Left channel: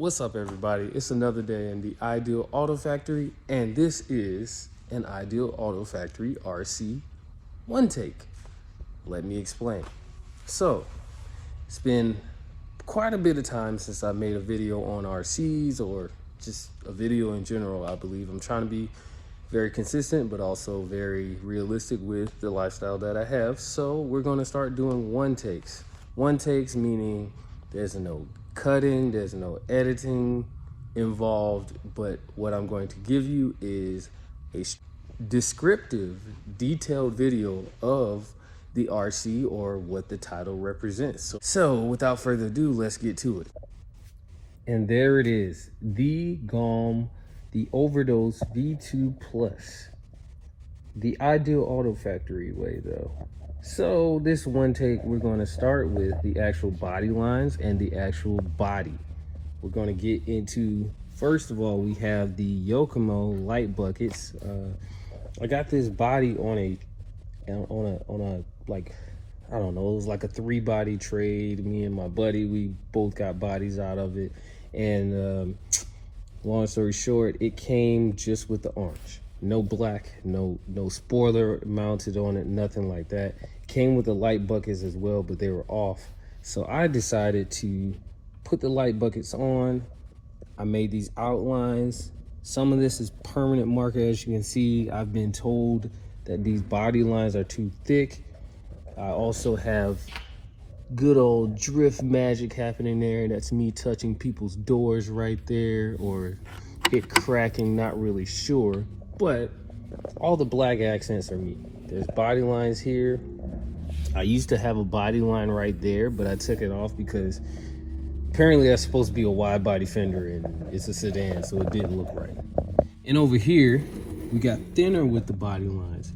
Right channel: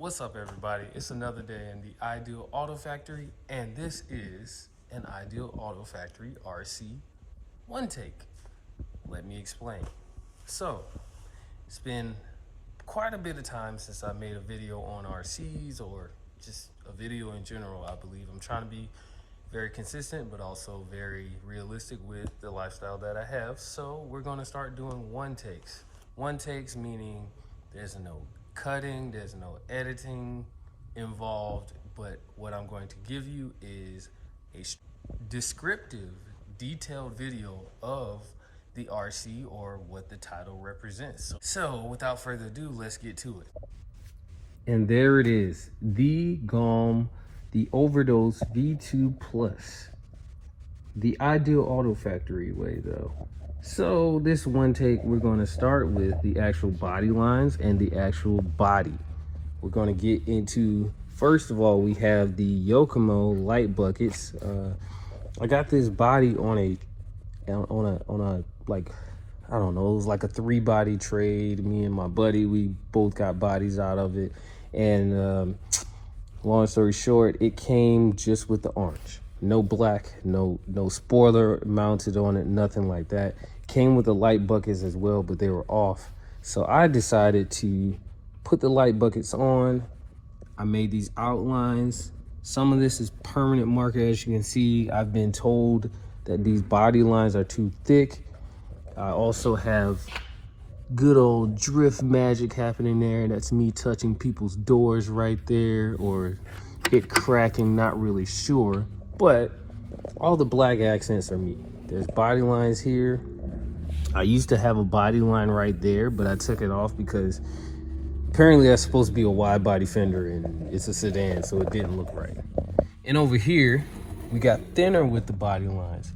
What's up, everybody? It's another day in the Ideal Auto Factory, and this is an Ideal Auto Factory RC OneTAKE. Let me explain. So, it's been quite a bit of time since I made a video on RCs or just a video in general. I believe I'm trying to be very consistent, but also very realistic with the lifestyle that I have. So we're going to start doing OneTAKEs. OneTAKEs meaning there's no cutting, there's no editing involved, but what I'm going to give you is a descriptive, detailed video of the RC or what the title represents. So without further ado, let's get to it. And there it is, the Galm, the Overdose V2 Plus, the Ideal Auto Factory way though. So this OneTAKE, we're going to start with the actual body lines and the actual body. We're going to get into, first of all, we have the Yokomo light buckets. I got this body on a like, I don't know, it was like a 3-body trade. Me and my buddy, we both got bodies out of it. And long story short, it came just with the orange. No black, no spoiler mounted on it, nothing like that. Came with the light buckets as well, but they were off. So I decided to put the light buckets on. I made these outlines. Some of this is permanent marker, as you can see. I've been told that these body lines are too thick. I also have good old drift magic happening there. That's me touching people's doors right there, or it cracking, not really sure. But all the black accents are me. There's body lines here. I used to have a body line right there, but I took it off because apparently that's supposed to be a wide body fender and it's a sedan, so it didn't look right. And over here, we got thinner with the body lines.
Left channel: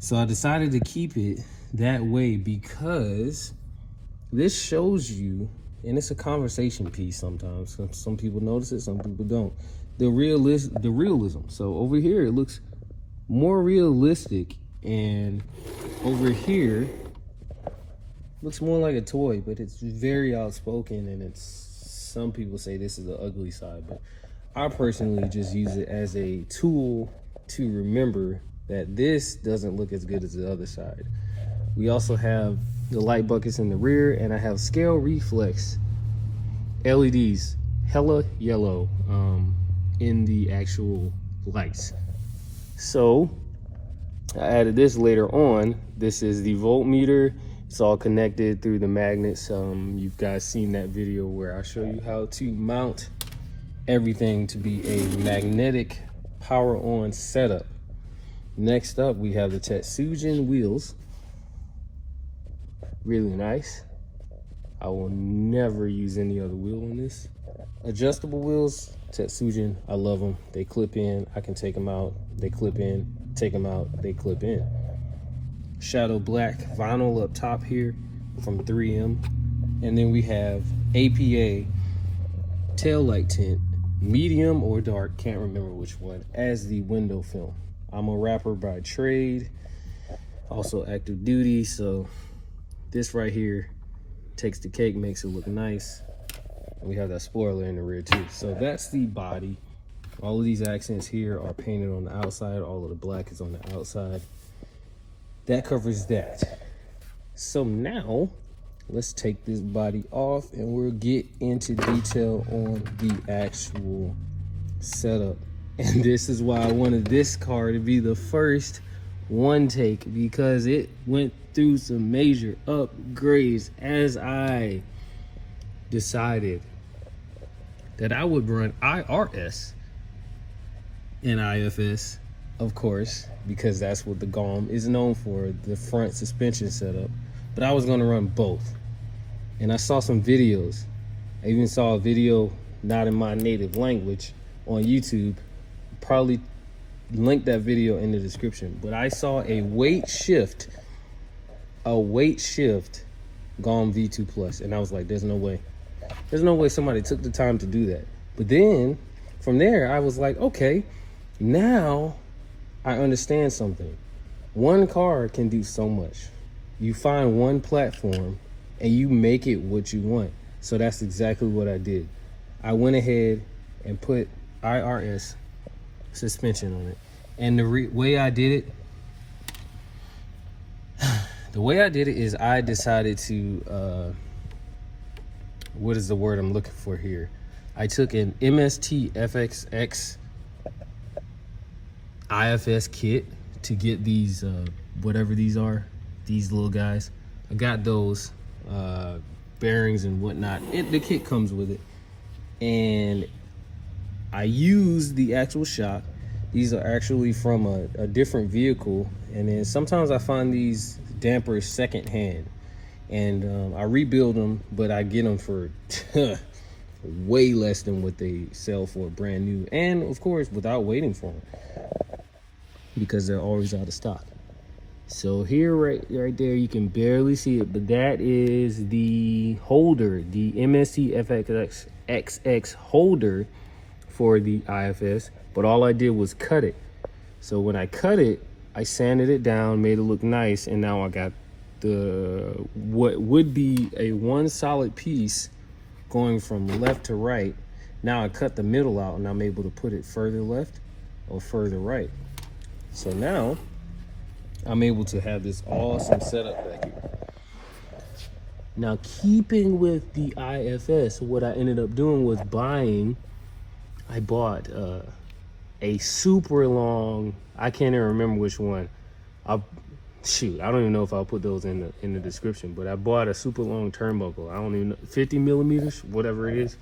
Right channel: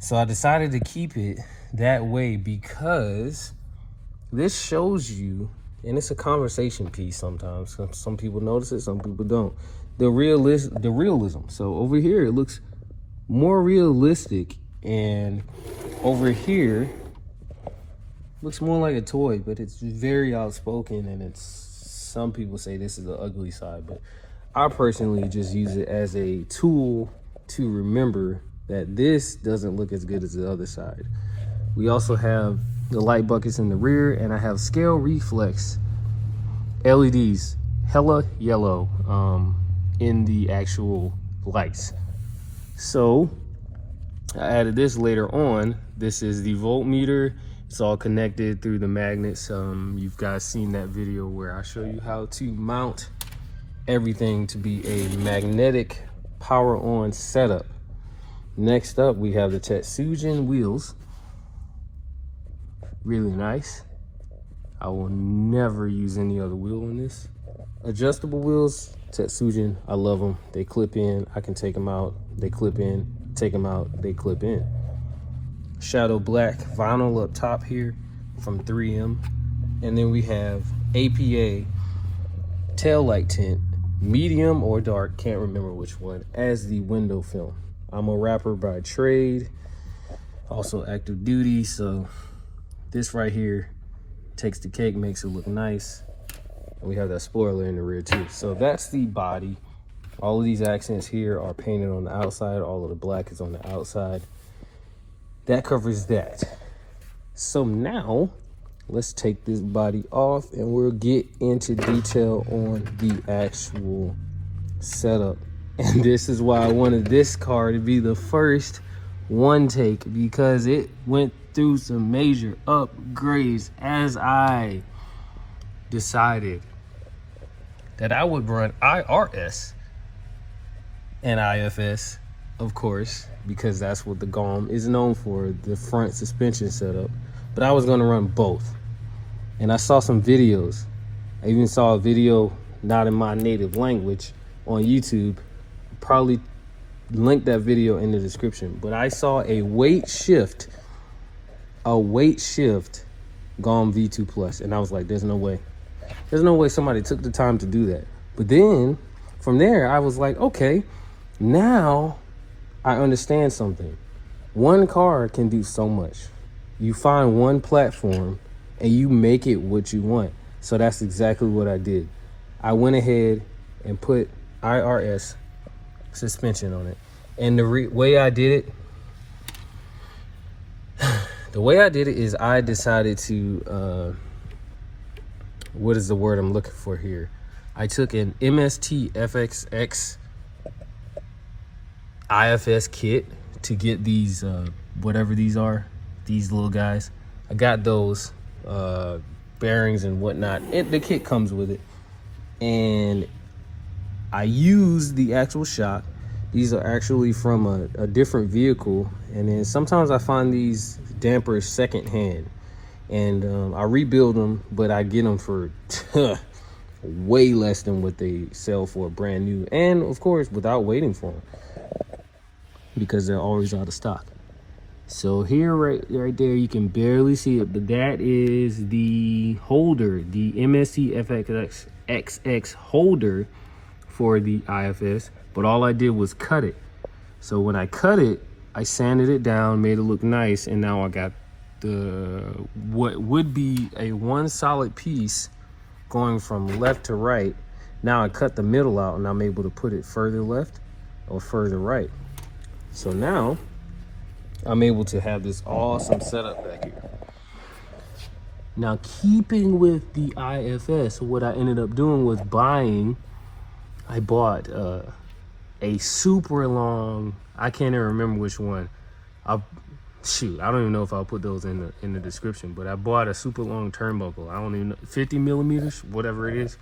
So I decided to keep it that way because this shows you, and it's a conversation piece sometimes. Some people notice it, some people don't. The realism. So over here, it looks more realistic, and over here, looks more like a toy, but it's very outspoken, and some people say this is the ugly side, but I personally just use it as a tool to remember that this doesn't look as good as the other side. We also have the light buckets in the rear, and I have scale reflex LEDs, hella yellow, in the actual lights. So I added this later on. This is the voltmeter. It's all connected through the magnets. You guys seen that video where I show you how to mount everything to be a magnetic power on setup. Next up, we have the Tetsujin wheels. Really nice. I will never use any other wheel in this. Adjustable wheels, Tetsujin, I love them. They clip in, I can take them out. They clip in, take them out, they clip in. Shadow black vinyl up top here from 3M. And then we have APA taillight tint, medium or dark, can't remember which one, as the window film. I'm a rapper by trade, also active duty, so this right here takes the cake, makes it look nice. And we have that spoiler in the rear too. So that's the body. All of these accents here are painted on the outside. All of the black is on the outside. That covers that. So now let's take this body off and we'll get into detail on the actual setup. And this is why I wanted this car to be the first OneTAKE, because it went through some major upgrades as I decided that I would run IRS and IFS, of course, because that's what the Galm is known for, the front suspension setup. But I was gonna run both. And I saw some videos. I even saw a video, not in my native language, on YouTube. Probably link that video in the description. But I saw a weight shift Galm V2 Plus, and I was like, there's no way. There's no way somebody took the time to do that. But then from there, I was like, okay, now I understand something. One car can do so much. You find one platform and you make it what you want. So that's exactly what I did. I went ahead and put IRS suspension on it. And the way I did it, is I decided to, what is the word I'm looking for here? I took an MST FXX IFS kit to get these, whatever these are, these little guys. I got those bearings and whatnot. The kit comes with it. And I used the actual shot. These are actually from a different vehicle. And then sometimes I find these dampers secondhand. And I rebuild them, but I get them for way less than what they sell for brand new. And of course, without waiting for them, because they're always out of stock. So here, right there, you can barely see it, but that is the holder, the MST FXX holder for the IFS. But all I did was cut it. So when I cut it, I sanded it down, made it look nice, and now I got the what would be a one solid piece going from left to right. Now I cut the middle out, and I'm able to put it further left or further right. So now I'm able to have this awesome setup back here. Now, keeping with the IFS, what I ended up doing was I bought a super long, I can't even remember which one. I don't even know if I'll put those in the description, but I bought a super long turnbuckle. I don't even know, 50 millimeters, whatever it is.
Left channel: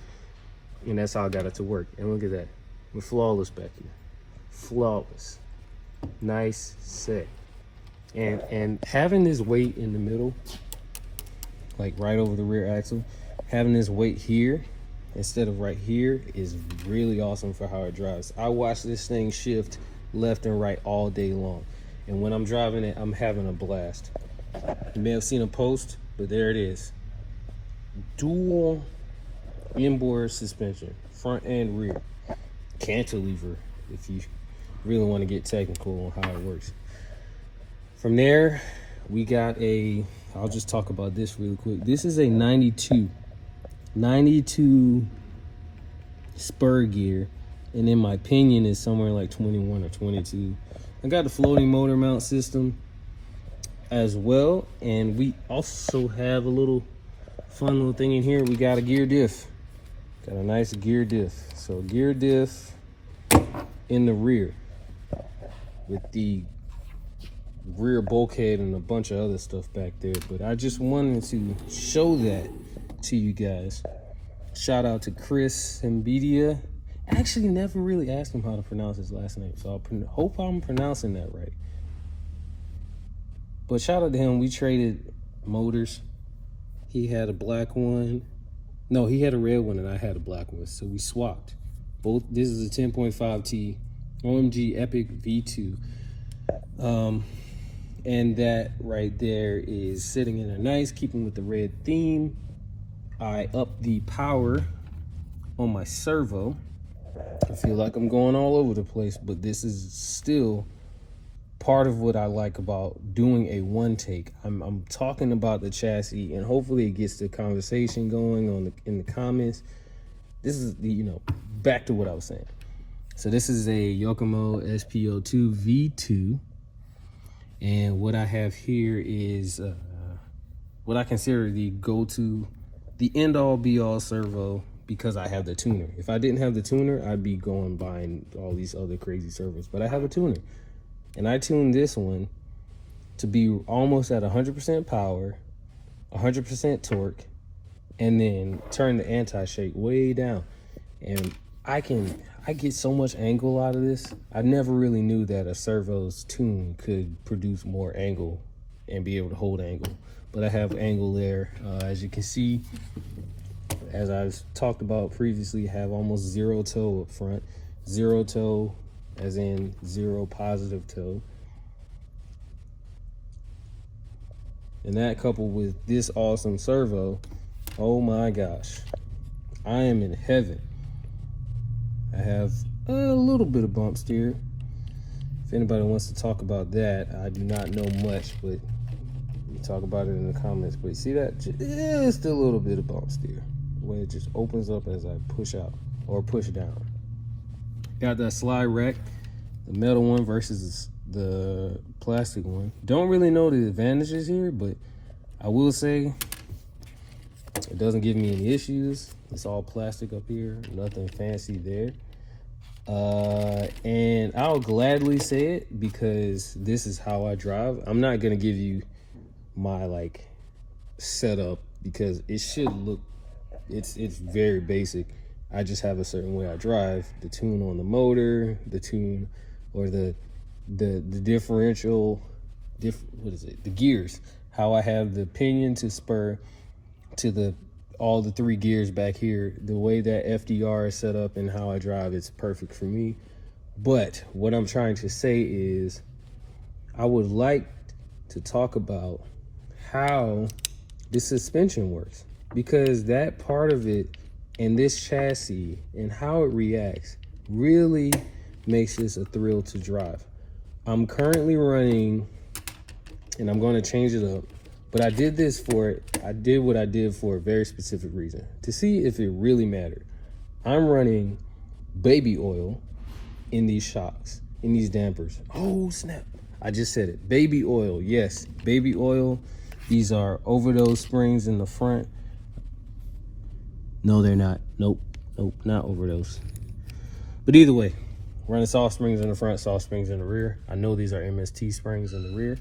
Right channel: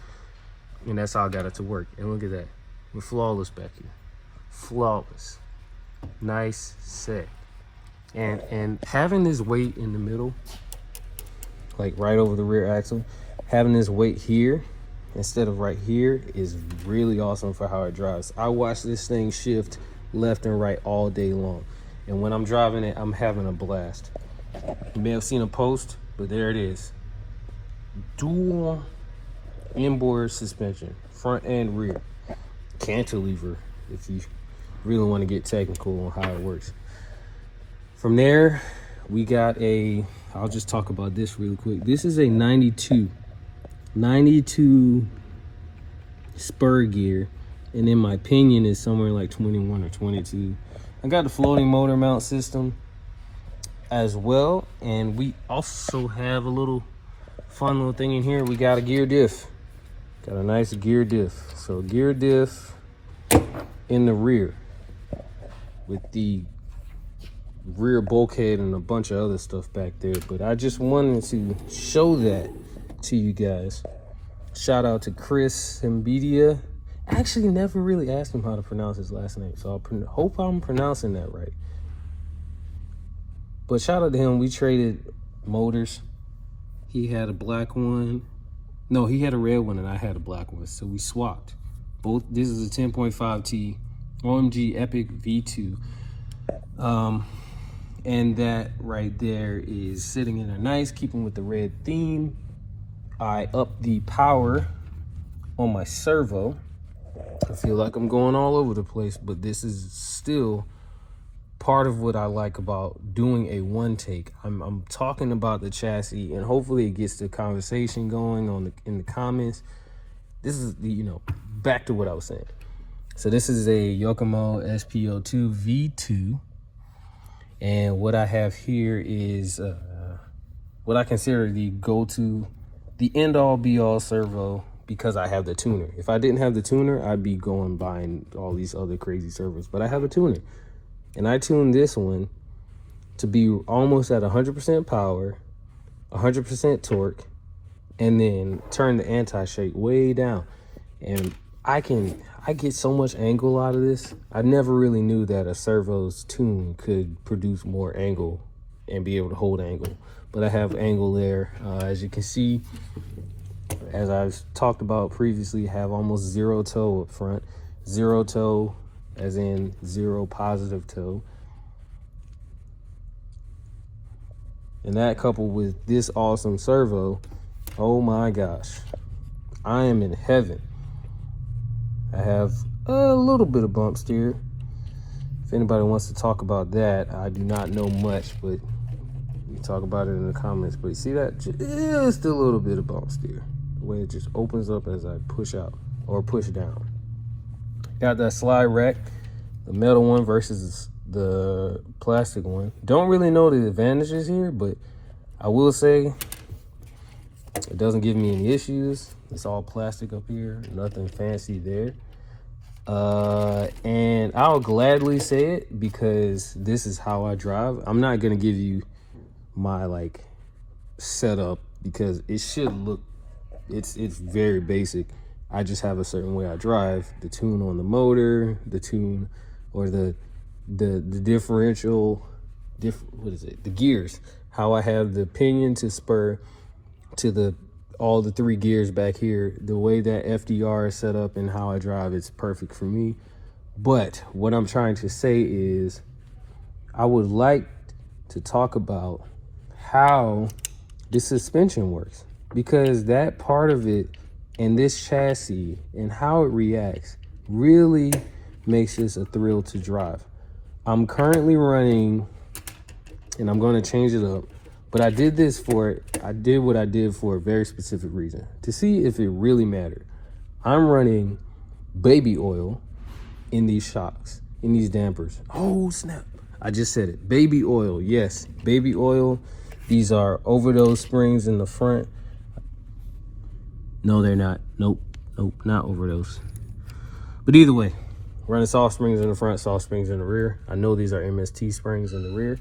And that's how I got it to work. And look at that, we're flawless back here, flawless. Nice set. And having this weight in the middle, like right over the rear axle, having this weight here instead of right here is really awesome for how it drives. I watch this thing shift left and right all day long, and when I'm driving it, I'm having a blast. You may have seen a post, but there it is. Dual inboard suspension, front and rear. Cantilever, if you really want to get technical on how it works. From there, we got I'll just talk about this really quick. This is a 92 spur gear, and in my opinion is somewhere like 21 or 22. I got the floating motor mount system as well, and we also have a little fun little thing in here. We got a gear diff. Got a nice gear diff. So gear diff in the rear with the rear bulkhead and a bunch of other stuff back there, but I just wanted to show that to you guys. Shout out to Chris Mbedia. I actually never really asked him how to pronounce his last name, so I hope I'm pronouncing that right. But shout out to him. We traded motors. He had a black one. No, he had a red one and I had a black one, so we swapped. Both. This is a 10.5T OMG Epic V2. And that right there is sitting in there nice, keeping with the red theme. I upped the power on my servo. I feel like I'm going all over the place, but this is still part of what I like about doing a one take. I'm talking about the chassis, and hopefully it gets the conversation going in the comments. This is back to what I was saying. So this is a Yokomo SPO2 V2. And what I have here is what I consider the go-to, the end-all be-all servo, because I have the tuner. If I didn't have the tuner, I'd be going buying all these other crazy servos, but I have a tuner. And I tuned this one to be almost at 100% power, 100% torque, and then turn the anti-shake way down. And I get so much angle out of this. I never really knew that a servo's tune could produce more angle and be able to hold angle. But I have angle there. As you can see, as I've talked about previously, have almost zero toe up front. Zero toe as in zero positive toe. And that coupled with this awesome servo, oh my gosh, I am in heaven. I have a little bit of bump steer. If anybody wants to talk about that, I do not know much, but we talk about it in the comments. But see that? Just a little bit of bump steer. the way it just opens up as I push out or push down. Got that slide rack, the metal one versus the plastic one. Don't really know the advantages here, but I will say it doesn't give me any issues. It's all plastic up here, nothing fancy there. And I'll gladly say it because this is how I drive. I'm not gonna give you my like setup because it should look, it's very basic. I just have a certain way I drive. The tune on the motor, the tune or the differential, what is it? The gears. How I have the pinion to spur to all the 3 gears back here. The way that FDR is set up and how I drive, it's perfect for me. But what I'm trying to say is I would like to talk about how the suspension works, because that part of it and this chassis and how it reacts really makes this a thrill to drive. I'm currently running, and I'm going to change it up, but I did this for it. I did what I did for a very specific reason, to see if it really mattered. I'm running baby oil in these shocks, in these dampers. Oh snap, I just said it. Baby oil, yes, baby oil. These are Overdose springs in the front. No, they're not. Nope, not Overdose. But either way, running soft springs in the front, soft springs in the rear. I know these are MST springs in the rear.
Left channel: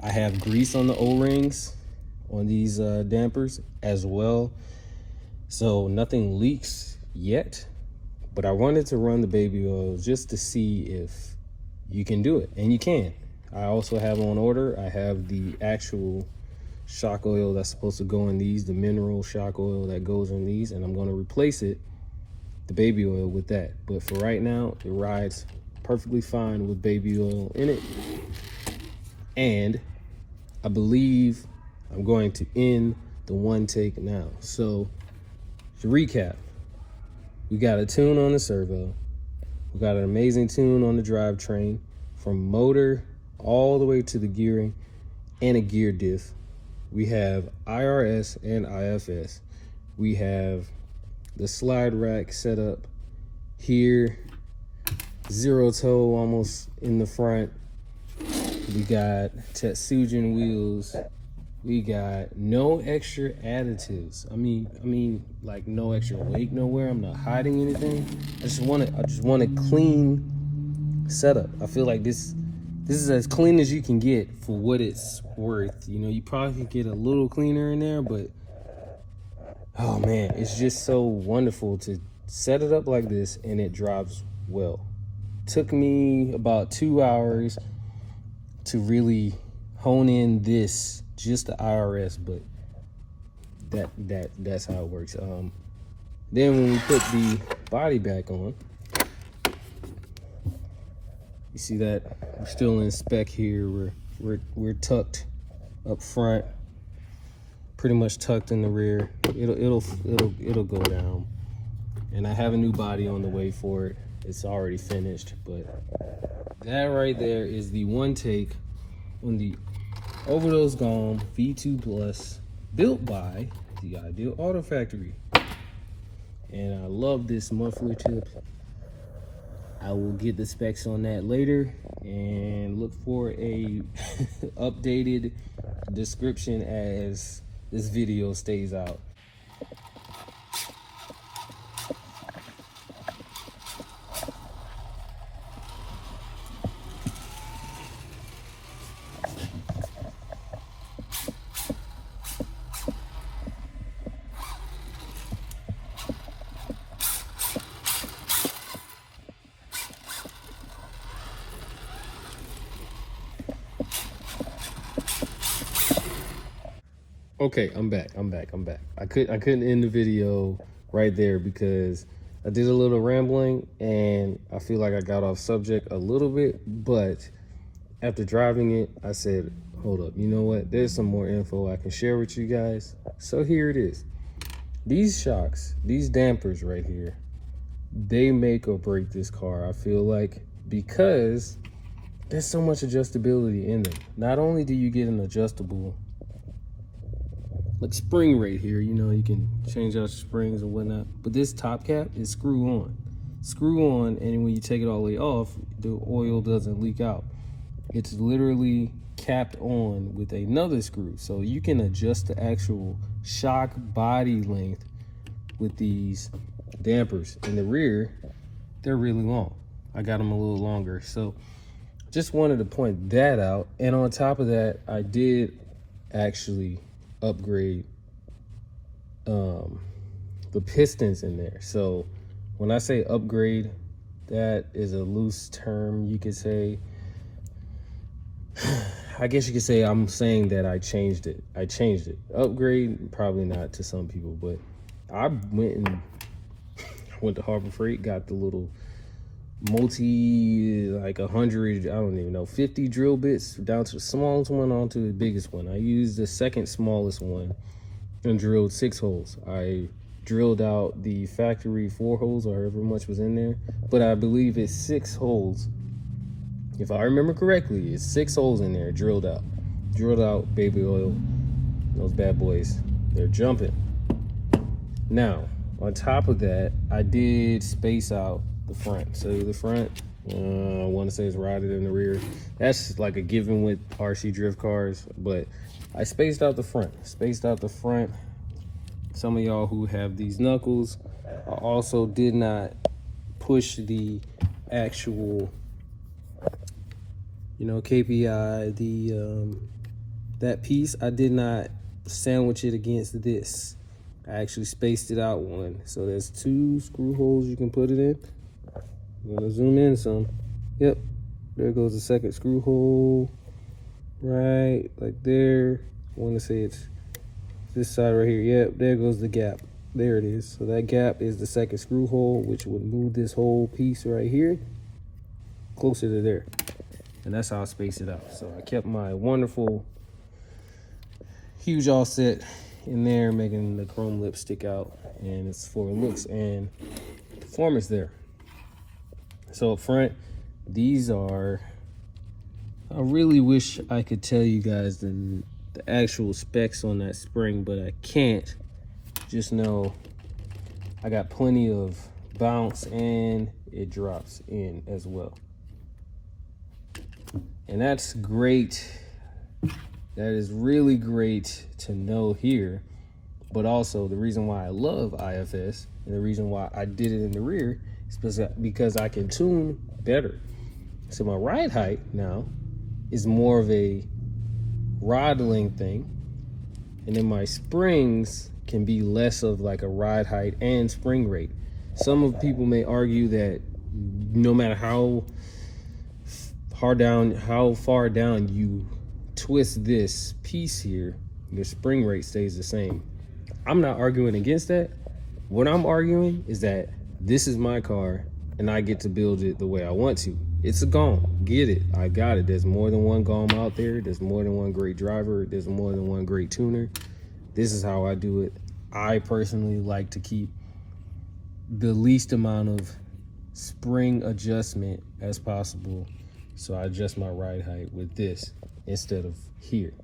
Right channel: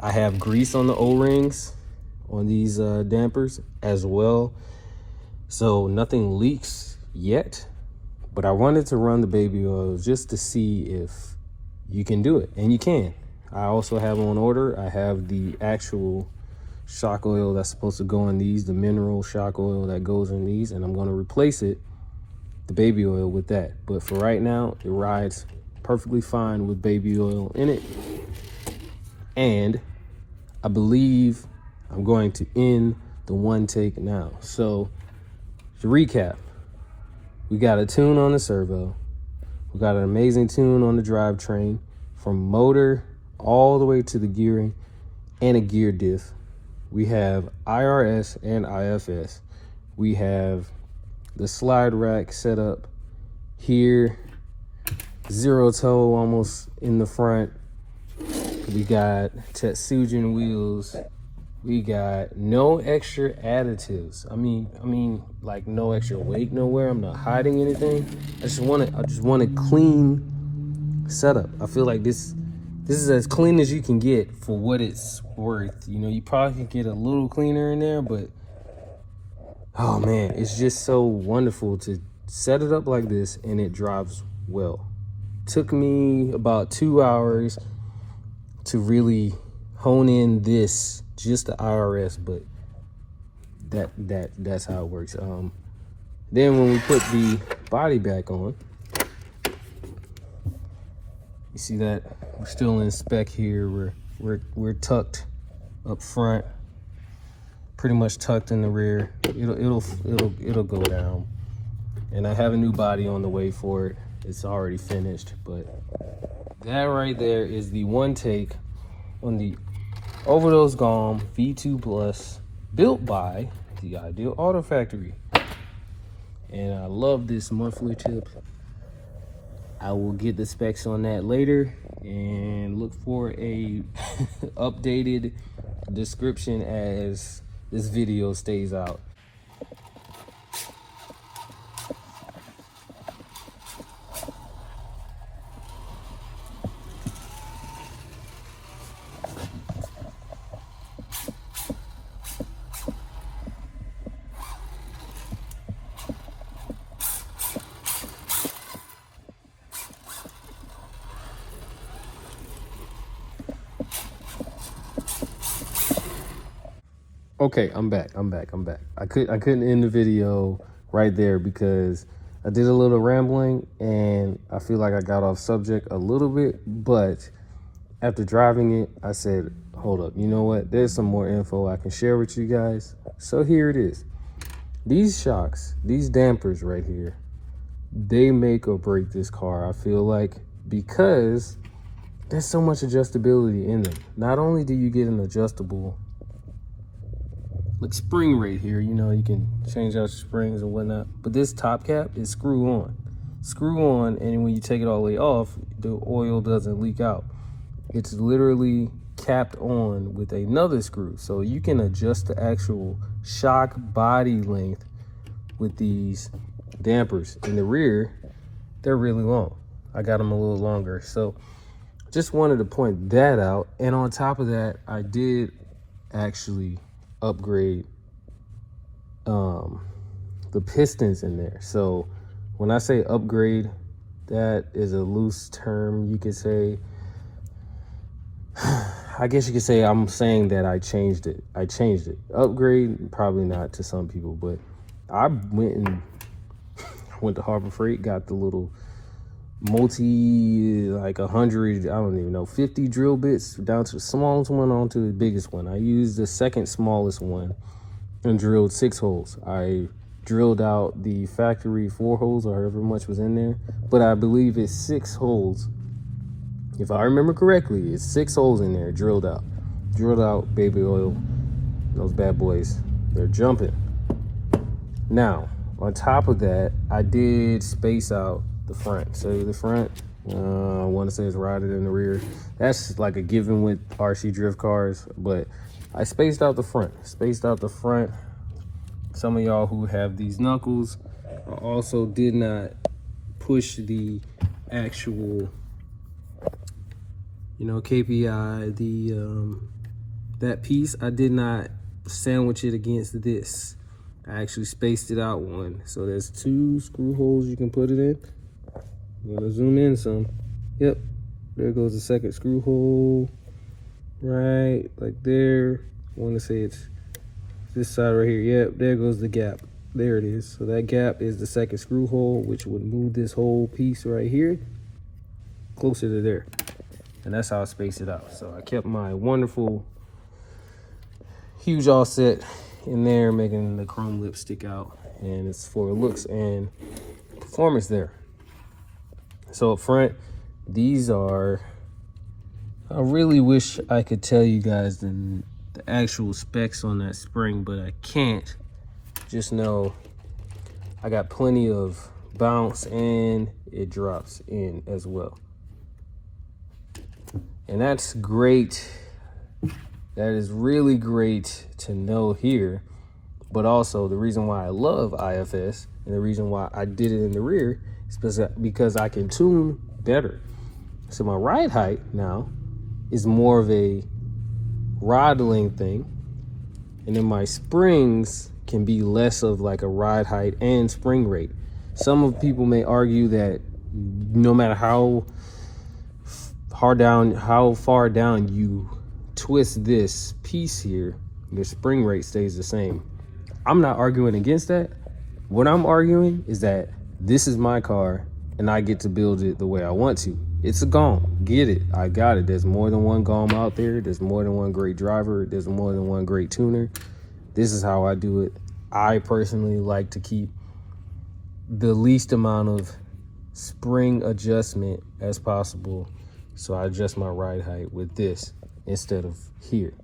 I have grease on the O-rings on these dampers as well. So nothing leaks yet, but I wanted to run the baby oil just to see if you can do it, and you can. I also have on order, I have the actual shock oil that's supposed to go in these, the mineral shock oil that goes in these, and I'm going to replace it, the baby oil, with that. But for right now, it rides perfectly fine with baby oil in it. And I believe I'm going to end the OneTAKE now. So to recap, we got a tune on the servo, we got an amazing tune on the drivetrain, from motor all the way to the gearing, and a gear diff. We have IRS and IFS. We have the slide rack set up here, 0 toe almost in the front. We got Tetsujin wheels. We got no extra additives. I mean, like no extra weight nowhere. I'm not hiding anything. I just want a clean setup. I feel like this is as clean as you can get for what it's worth. You know, you probably can get a little cleaner in there, but oh man, it's just so wonderful to set it up like this, and it drives well. Took me about 2 hours to really hone in this, just the IRS, but that's how it works. Then when we put the body back on, you see that we're still in spec here. We're tucked up front, pretty much tucked in the rear. It'll go down, and I have a new body on the way for it. It's already finished, but that right there is the OneTAKE on the Overdose Galm V2 Plus, built by the Ideal Auto Factory. And I love this muffler tip. I will get the specs on that later, and look for a updated description as this video stays out. Okay, I'm back. I couldn't end the video right there because I did a little rambling and I feel like I got off subject a little bit, but after driving it, I said, hold up, you know what? There's some more info I can share with you guys. So here it is. These shocks, these dampers right here, they make or break this car, I feel like, because there's so much adjustability in them. Not only do you get an adjustable like spring rate here. You know, you can change out your springs and whatnot. But this top cap is screw on. Screw on, and when you take it all the way off, the oil doesn't leak out. It's literally capped on with another screw. So you can adjust the actual shock body length with these dampers. In the rear, they're really long. I got them a little longer. So just wanted to point that out. And on top of that, I did actually upgrade the pistons in there. So when I say upgrade, that is a loose term. You could say, I guess you could say I'm saying that I changed it. Upgrade, probably not to some people, but I went to Harbor Freight, got the little like 100, I don't even know, 50 drill bits down to the smallest one onto the biggest one. I used the second smallest one and drilled 6 holes. I drilled out the factory 4 holes or however much was in there, but I believe it's 6 holes. If I remember correctly, it's 6 holes in there drilled out. Drilled out baby oil. Those bad boys, they're jumping. Now, on top of that, I did space out the front. So the front, I want to say it's routed in the rear. That's like a given with RC drift cars, but I spaced out the front. Some of y'all who have these knuckles, I also did not push the actual, you know, KPI, that piece. I did not sandwich it against this. I actually spaced it out one. So there's 2 screw holes you can put it in. I'm gonna zoom in some. Yep, there goes the second screw hole. Right, like there. I wanna say it's this side right here. Yep, there goes the gap. There it is. So that gap is the second screw hole, which would move this whole piece right here closer to there. And that's how I spaced it out. So I kept my wonderful huge offset in there, making the chrome lip stick out, and it's for looks and performance there. So up front, these are, I really wish I could tell you guys the actual specs on that spring, but I can't. Just know I got plenty of bounce and it drops in as well. And that's great. That is really great to know here. But also the reason why I love IFS and the reason why I did it in the rear is because I can tune better. So my ride height now is more of a rod length thing. And then my springs can be less of like a ride height and spring rate. Some people may argue that no matter how far down you twist this piece here, your spring rate stays the same. I'm not arguing against that. What I'm arguing is that this is my car and I get to build it the way I want to. It's a Galm, get it, I got it. There's more than one Galm out there. There's more than one great driver. There's more than one great tuner. This is how I do it. I personally like to keep the least amount of spring adjustment as possible. So I adjust my ride height with this instead of here.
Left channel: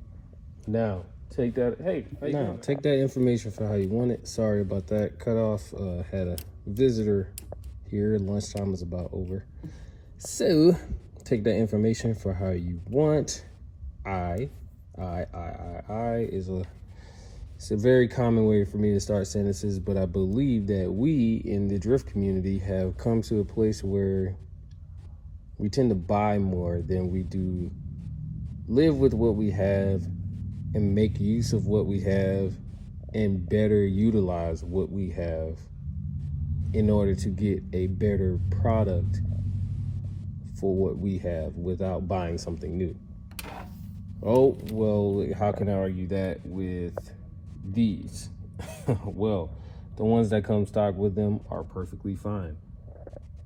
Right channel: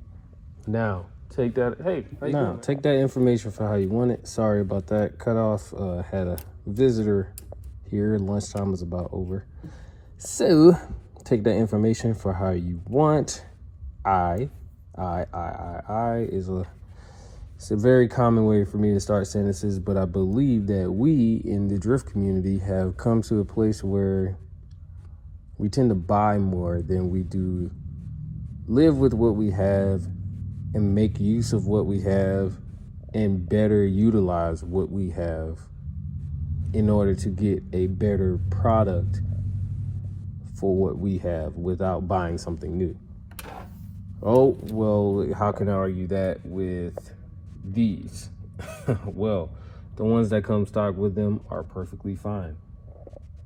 Now, take that, take that information for how you want it. Sorry about that cut off. Had a visitor here. Lunchtime is about over. So, take that information for how you want. I is it's a very common way for me to start sentences, but I believe that we in the drift community have come to a place where we tend to buy more than we do live with what we have and make use of what we have and better utilize what we have in order to get a better product for what we have without buying something new. Oh, well, how can I argue that with these? Well, the ones that come stock with them are perfectly fine.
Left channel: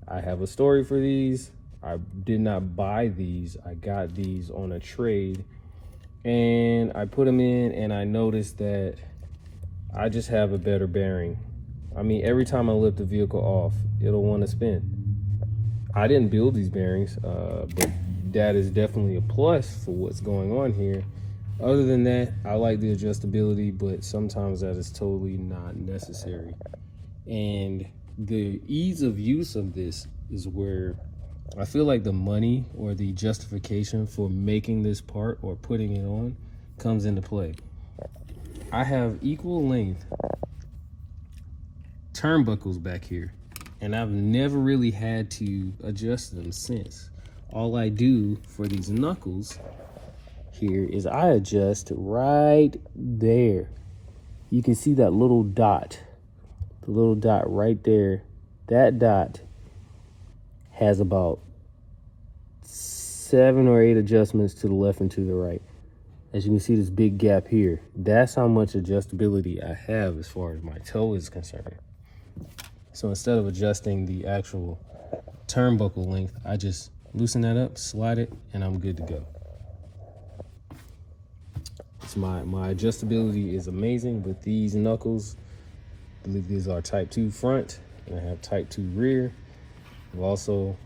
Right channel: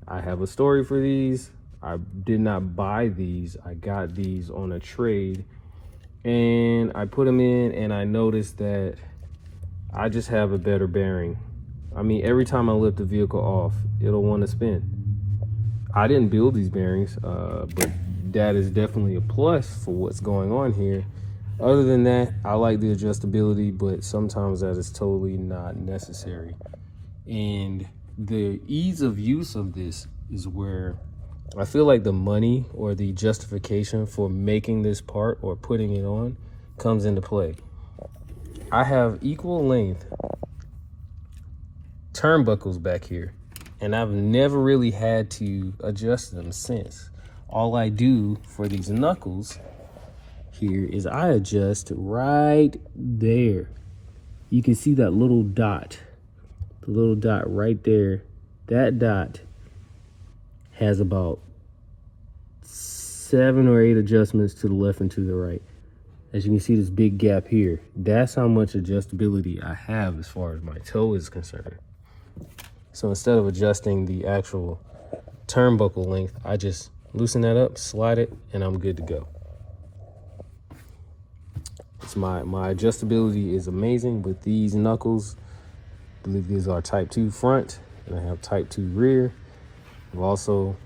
I have a story for these. I did not buy these. I got these on a trade and I put them in and I noticed that I just have a better bearing. I mean, every time I lift the vehicle off, it'll want to spin. I didn't build these bearings, but that is definitely a plus for what's going on here. Other than that, I like the adjustability, but sometimes that is totally not necessary. And the ease of use of this is where I feel like the money or the justification for making this part or putting it on comes into play. I have equal length turnbuckles back here, and I've never really had to adjust them since. All I do for these knuckles here is I adjust right there. You can see that little dot, the little dot right there. That dot has about 7 or 8 adjustments to the left and to the right. As you can see, this big gap here, that's how much adjustability I have as far as my toe is concerned. So instead of adjusting the actual turnbuckle length, I just loosen that up, slide it, and I'm good to go. So my adjustability is amazing with these knuckles. I believe these are type 2 front, and I have type 2 rear. I've also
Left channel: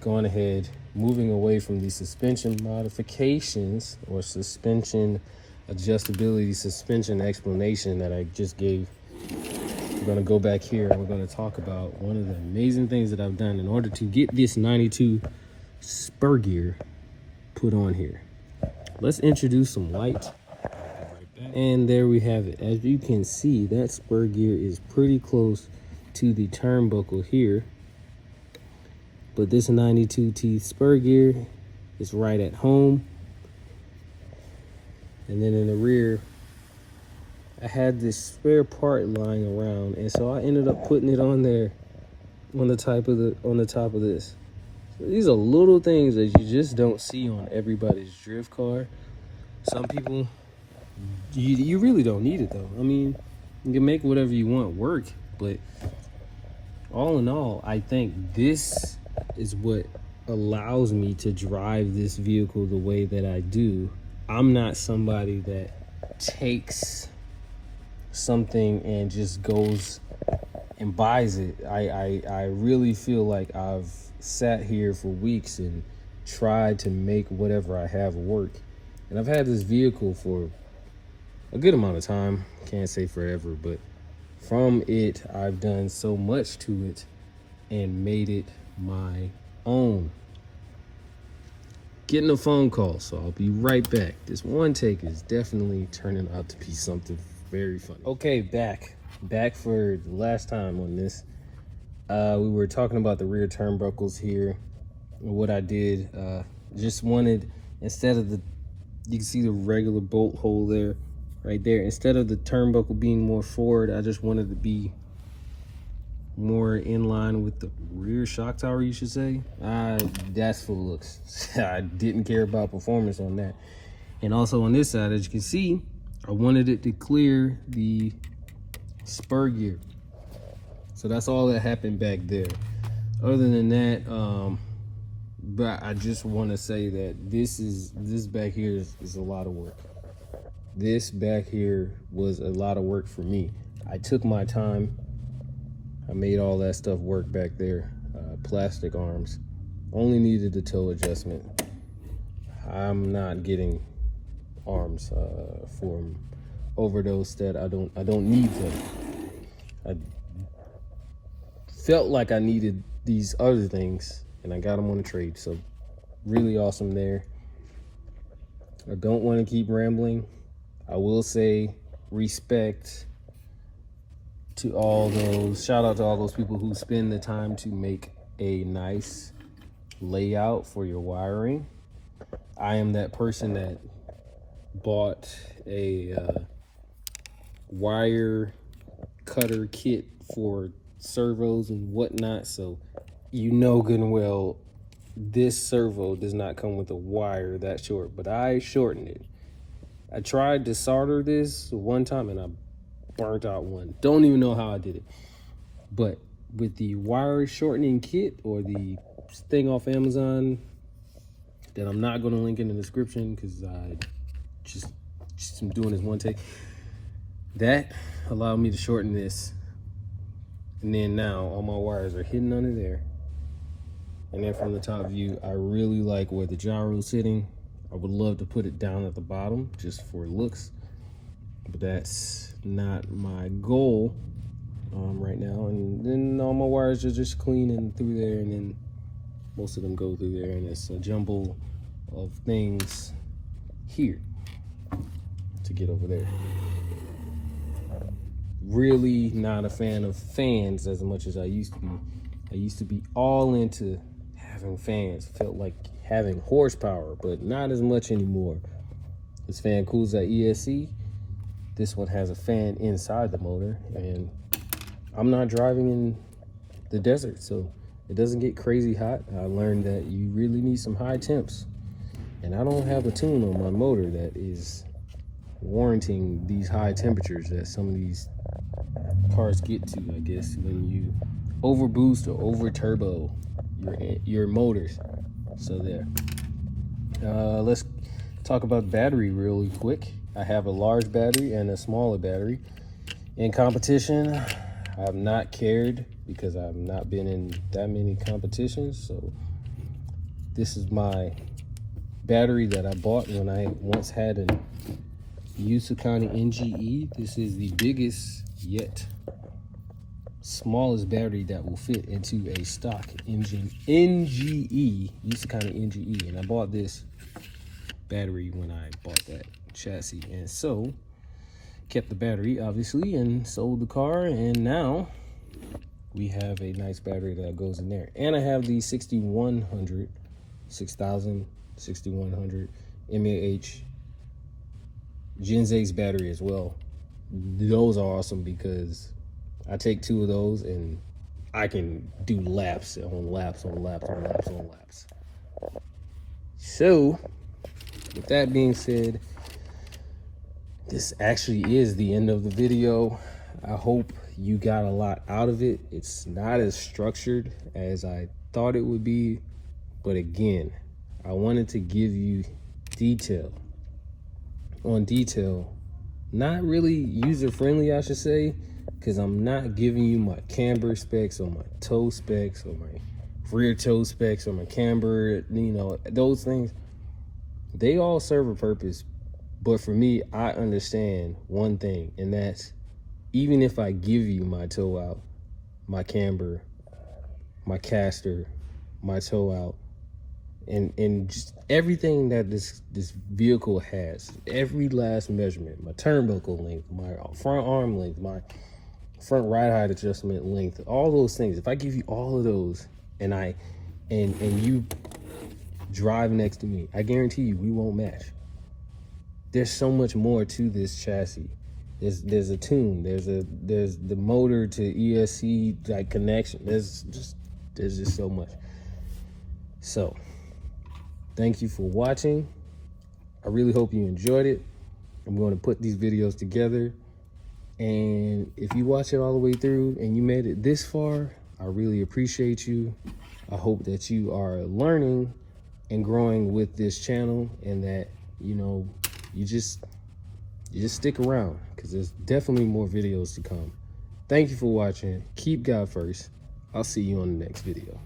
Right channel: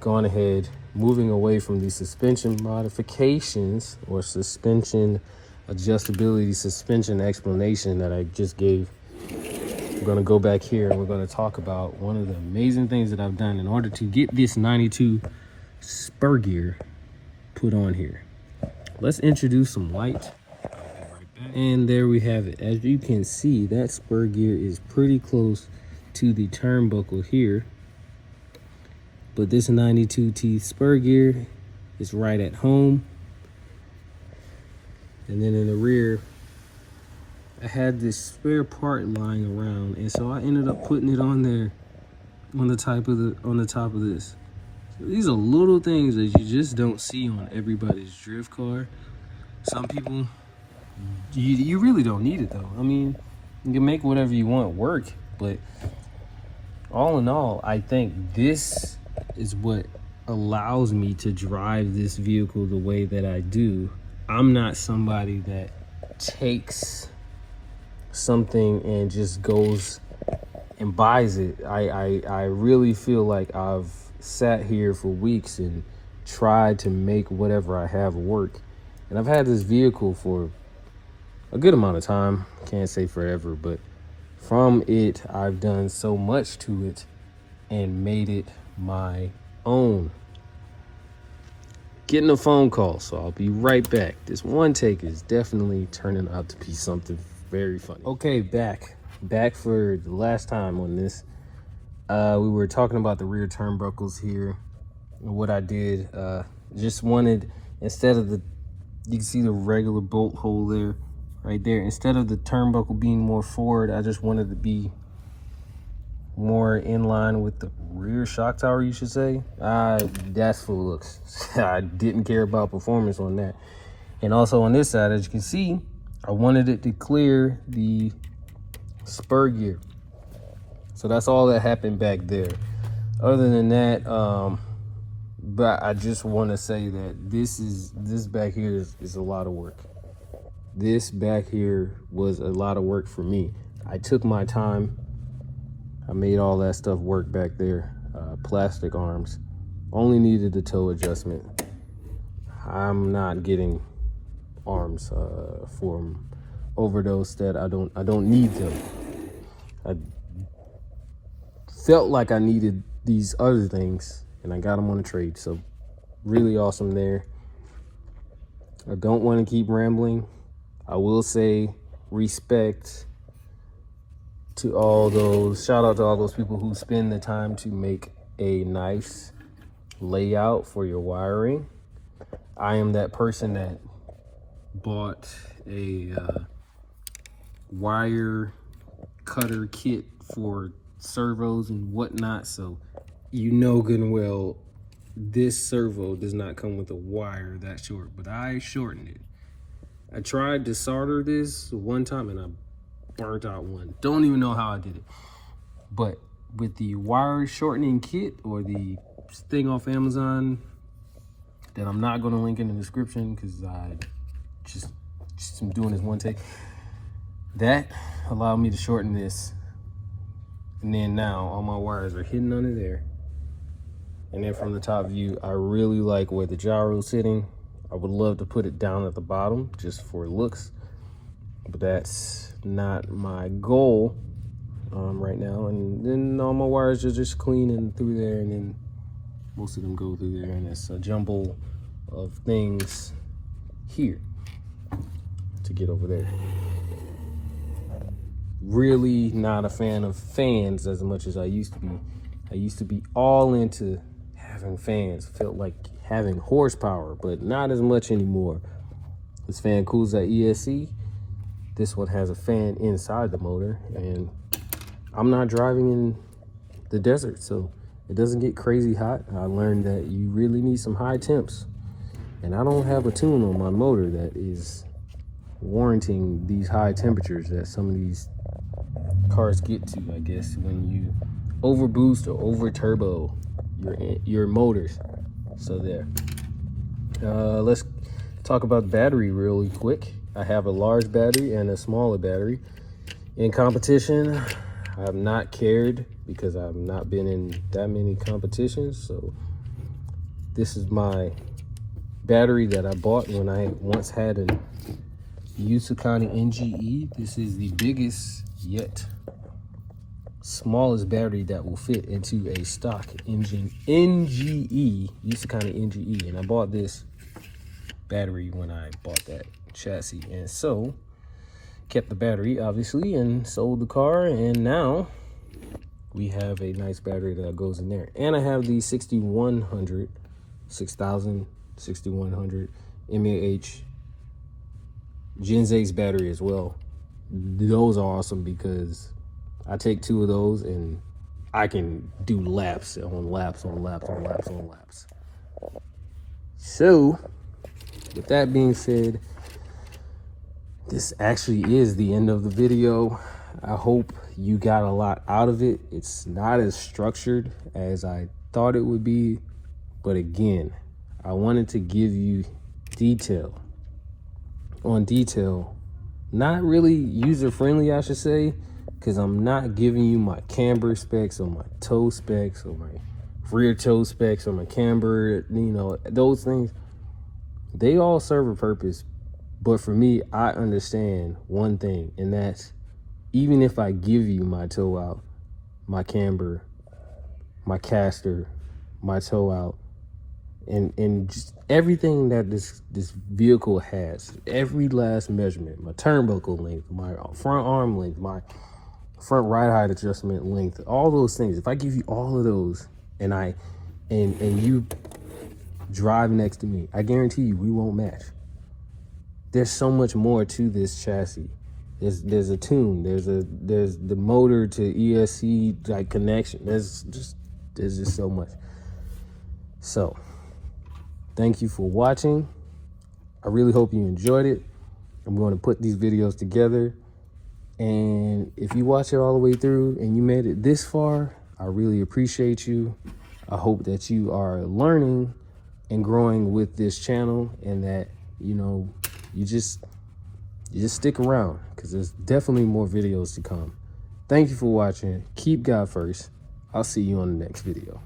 gone ahead, moving away from the suspension modifications or suspension adjustability, suspension explanation that I just gave. We're gonna go back here and we're gonna talk about one of the amazing things that I've done in order to get this 92 spur gear put on here. Let's introduce some light. And there we have it. As you can see, that spur gear is pretty close to the turnbuckle here. But this 92 teeth spur gear is right at home. And then in the rear, I had this spare part lying around, and so I ended up putting it on there on the top of this. So these are little things that you just don't see on everybody's drift car. Some people, you really don't need it though. I mean, you can make whatever you want work, but all in all, I think this is what allows me to drive this vehicle the way that I do. I'm not somebody that takes something and just goes and buys it. I really feel like I've sat here for weeks and tried to make whatever I have work. And I've had this vehicle for a good amount of time. Can't say forever, but from it, I've done so much to it and made it my own. Getting a phone call, so I'll be right back. This OneTAKE is definitely turning out to be something very funny. Okay, back for the last time on this. We were talking about the rear turnbuckles here. And what I did, just wanted, instead of the, you can see the regular bolt hole there, right there. Instead of the turnbuckle being more forward, I just wanted to be more in line with the rear shock tower, you should say. That's for looks. I didn't care about performance on that. And also on this side, as you can see, I wanted it to clear the spur gear. So that's all that happened back there. Other than that, but I just want to say that this back here is a lot of work. This back here was a lot of work for me. I took my time. I made all that stuff work back there. Plastic arms. Only needed the toe adjustment. I'm not getting arms from Overdose that I don't need them. I felt like I needed these other things and I got them on the trade. So really awesome there. I don't want to keep rambling. I will say respect to all those, shout out to all those people who spend the time to make a nice layout for your wiring. I am that person that bought a wire cutter kit for servos and whatnot, so you know good and well this servo does not come with a wire that short, but I shortened it. I tried to solder this one time and I burnt out one. Don't even know how I did it. But with the wire shortening kit or the thing off Amazon that I'm not going to link in the description because I just am doing this one take, that allowed me to shorten this. And then now all my wires are hidden under there. And then from the top view, I really like where the gyro is sitting. I would love to put it down at the bottom just for looks, but that's not my goal right now. And then all my wires are just cleaning through there, and then most of them go through there, and it's a jumble of things here to get over there. Really not a fan of fans as much as I used to be. I used to be all into having fans. Felt like having horsepower, but not as much anymore. This fan cools at ESC. This one has a fan inside the motor, and I'm not driving in the desert, so it doesn't get crazy hot. I learned that you really need some high temps, and I don't have a tune on my motor that is warranting these high temperatures that some of these cars get to, I guess, when you over boost or over turbo your motors. So there. Let's talk about the battery really quick. I have a large battery and a smaller battery. In competition, I've not cared because I've not been in that many competitions. So this is my battery that I bought when I once had a Yusukani NGE. This is the biggest yet smallest battery that will fit into a stock engine NGE, Yusukani NGE. And I bought this battery when I bought that chassis, and so kept the battery obviously and sold the car, and now we have a nice battery that goes in there. And I have the 6100 mAh Gen 6 battery as well. Those are awesome because I take 2 of those and I can do laps on laps on laps on laps on laps. So with that being said, this actually is the end of the video. I hope you got a lot out of it. It's not as structured as I thought it would be, but again, I wanted to give you detail on detail. Not really user-friendly, I should say, because I'm not giving you my camber specs or my toe specs or my rear toe specs or my camber, you know, those things. They all serve a purpose, but for me, I understand one thing, and that's even if I give you my toe out, my camber, my caster, my toe out, and just everything that this vehicle has, every last measurement, my turnbuckle length, my front arm length, my front ride height adjustment length, all those things, if I give you all of those and you drive next to me, I guarantee you we won't match. There's so much more to this chassis. There's a tune, there's the motor to ESC like connection. There's just so much. So thank you for watching. I really hope you enjoyed it. I'm going to put these videos together, and if you watch it all the way through and you made it this far, I really appreciate you. I hope that you are learning and growing with this channel, and that, you know, you just stick around, because there's definitely more videos to come. Thank you for watching. Keep God first. I'll see you on the next video.